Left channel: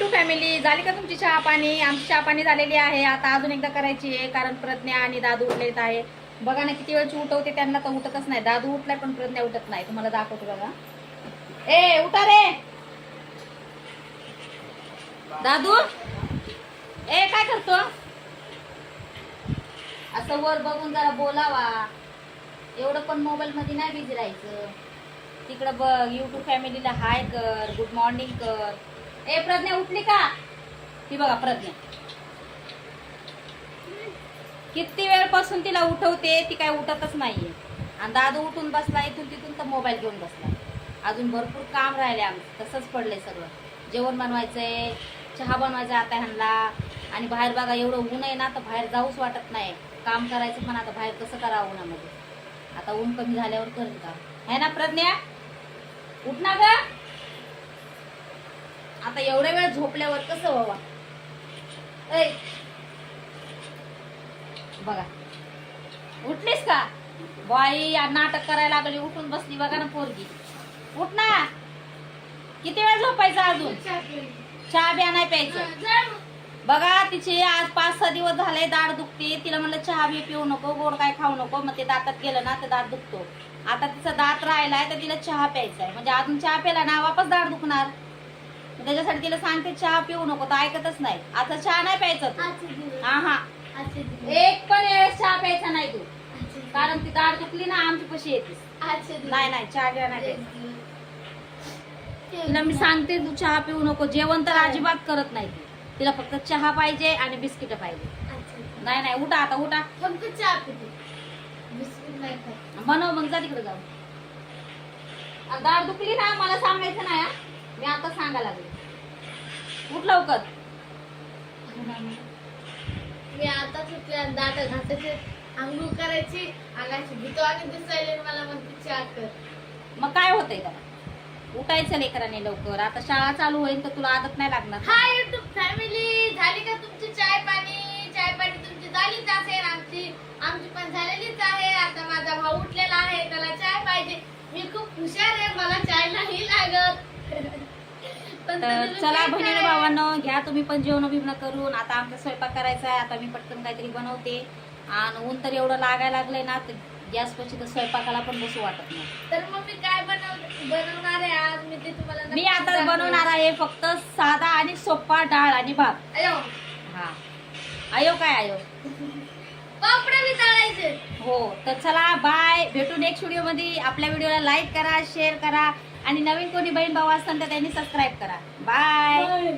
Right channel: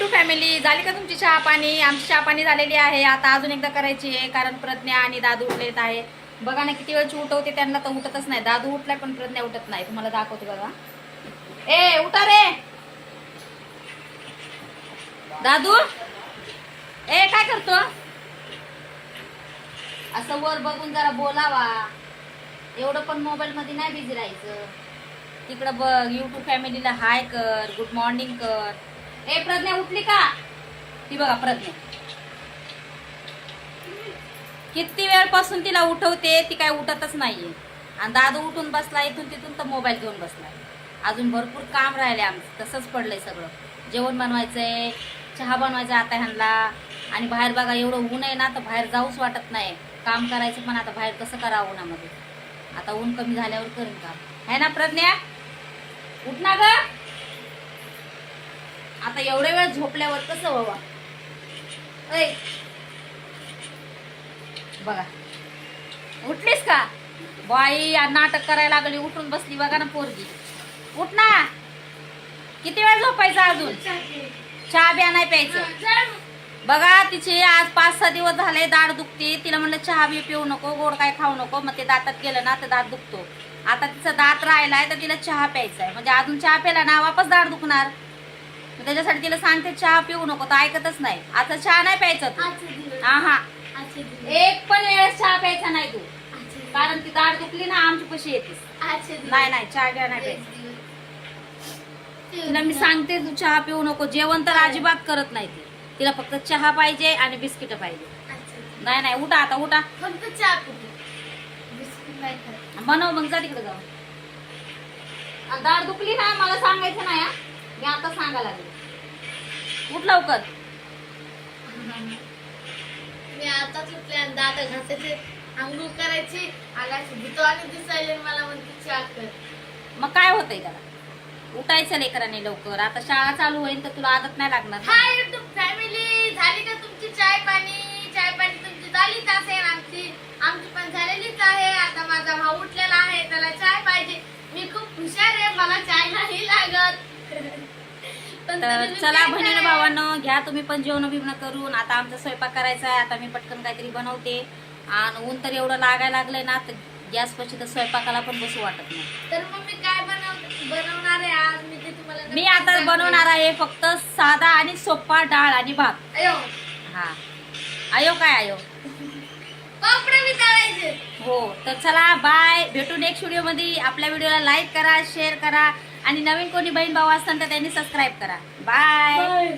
To family झाली का तुमची चहा पाणी? आमची चहा पाणी झालेली आहे. आता अजून एकदा करायची आहे कारण प्रज्ञा आणि दादू उठलेत आहे. बघा ना किती वेळची उठवते त्यांना तर उठतच नाही. दादू उठलाय पण प्रज्ञा उठत नाही. तुम्हाला दाखवतो बघा. ए उठा रे! दादू! ए काय करतो? असं वर बघून जरा बोलावा. एवढं पण मोबाईल मध्ये नाही बिझी राहायचं. तिकडं बघ युट्यूब फॅमिलीला हाय कर गुड मॉर्निंग कर. ए प्रज्ञा उठली का? ती बघा प्रज्ञा. किती वेळपासून तिला उठवते ती काय उठतच नाहीये. आणि दादू उठून बसला इथून तिथून तर मोबाईल घेऊन बसला. अजून भरपूर काम राहिले आमचं तसंच पडलंय सगळं. जेवण बनवायचंय चहा बनवायचा आता ह्यांना. आणि बाहेर बघा एवढं ऊन आहे ना तर बाहेर जाऊच वाटत नाही. काम करायचं पण आता बाहेर कसं करावं उन्हामध्ये? आता ऊन कमी झाल्यावर करेन काम. है ना प्रज्ञा? उठ ना ग. आता एवढ्या वेळ झोपल्यावर कसं व्हावा? ऐ. बघा. उठलीस का? बाई आ, नाटक करायला लागली उठून बसली बघा ना पोरगी. उठ ना. किती वेळ झोपायचं अजून? चहा बिया नाही प्यायचं. बघा तिचे आज पाच सहा दिवस झाले दाढ दुखते. तिला म्हणलं चहा बी पिऊ नको गोड काय खाऊ नको. मग ते दातात गेलं ना तर दात दुखतो. आता तिचा दात राहिलाय तर तिला चहा प्यायचा आहे म्हणजे अजून चहा प्याला ना वापस दाढ दुखणार. मग त्याच्यासाठी तिला सांगते चहा पिऊ नको तर ऐकतच नाही. आता चहा नाही प्यायचा तू. हा हा. एक पण वेळेस चहा प्यायचा नाही तू. कारण ती दाढ दुखली ना आमची पशी येतेस. नाही नाही चहा घ्या नाही प्यायचा. तिला मी सांगते तू चहा पिऊ नको जेवण तर अजिबात करत नाही ती. तिला फक्त चहा पाहिजे आणि बिस्किट पाहिजे. नाही नाही उठा आता उठा. फक्त चहा पिते बिस्किट नाही बनव मग जा तिकडे जाऊ दाढ दुखली ना मला सांगायचं नाही हा. मी आता सांगायला लागले. उठ लवकर. मी आता सुटले आणि दात घासायचे आंघोळ करायची आगायची भूतवानी दिसायले मला म्हणते चहा कर. मग काय होतंय त्याला? उठायचं लेकराने लवकर. आता शाळा चालू होईल तर तुला आदत नाही लागणार. हाय युट्यूब फॅमिली झाली का तुमची चाय पाणी चाय पाणी तुमची झालीच असेल आमची? आमची पण झालेलीच आहे. आता माझा भाऊ उठलेला आहे त्याला चाय पाहिजे. मी खूप हुशार आहे मला चाय नाही लागत. तर चला काय? भावांनो घ्या तुम्ही पण जेवण बिवणं करून. आता आमचा स्वयंपाक करायचा आहे. आता मी पटकन काहीतरी बनवते. आणि ऊन तर एवढं लागायला लागलंय ना तर गॅस पशी तर स्वयंपाकाला पण बसू वाटत नाही. तर मग मी काय बनव बनवणार आहे आज? मी ते तुम्हाला मी आता. बनवणार आहे फक्त साधा आणि सोपा डाळ आणि भात. अयो. हा. आयो काय आयो हो. तर चला बाय. भेटू नेक्स्ट व्हिडिओमध्ये आपल्या व्हिडिओला लाईक करा शेअर करा. आणि नवीन कोणी बहीण भाऊ असताना तर त्यांनी सबस्क्राईब करा. बाय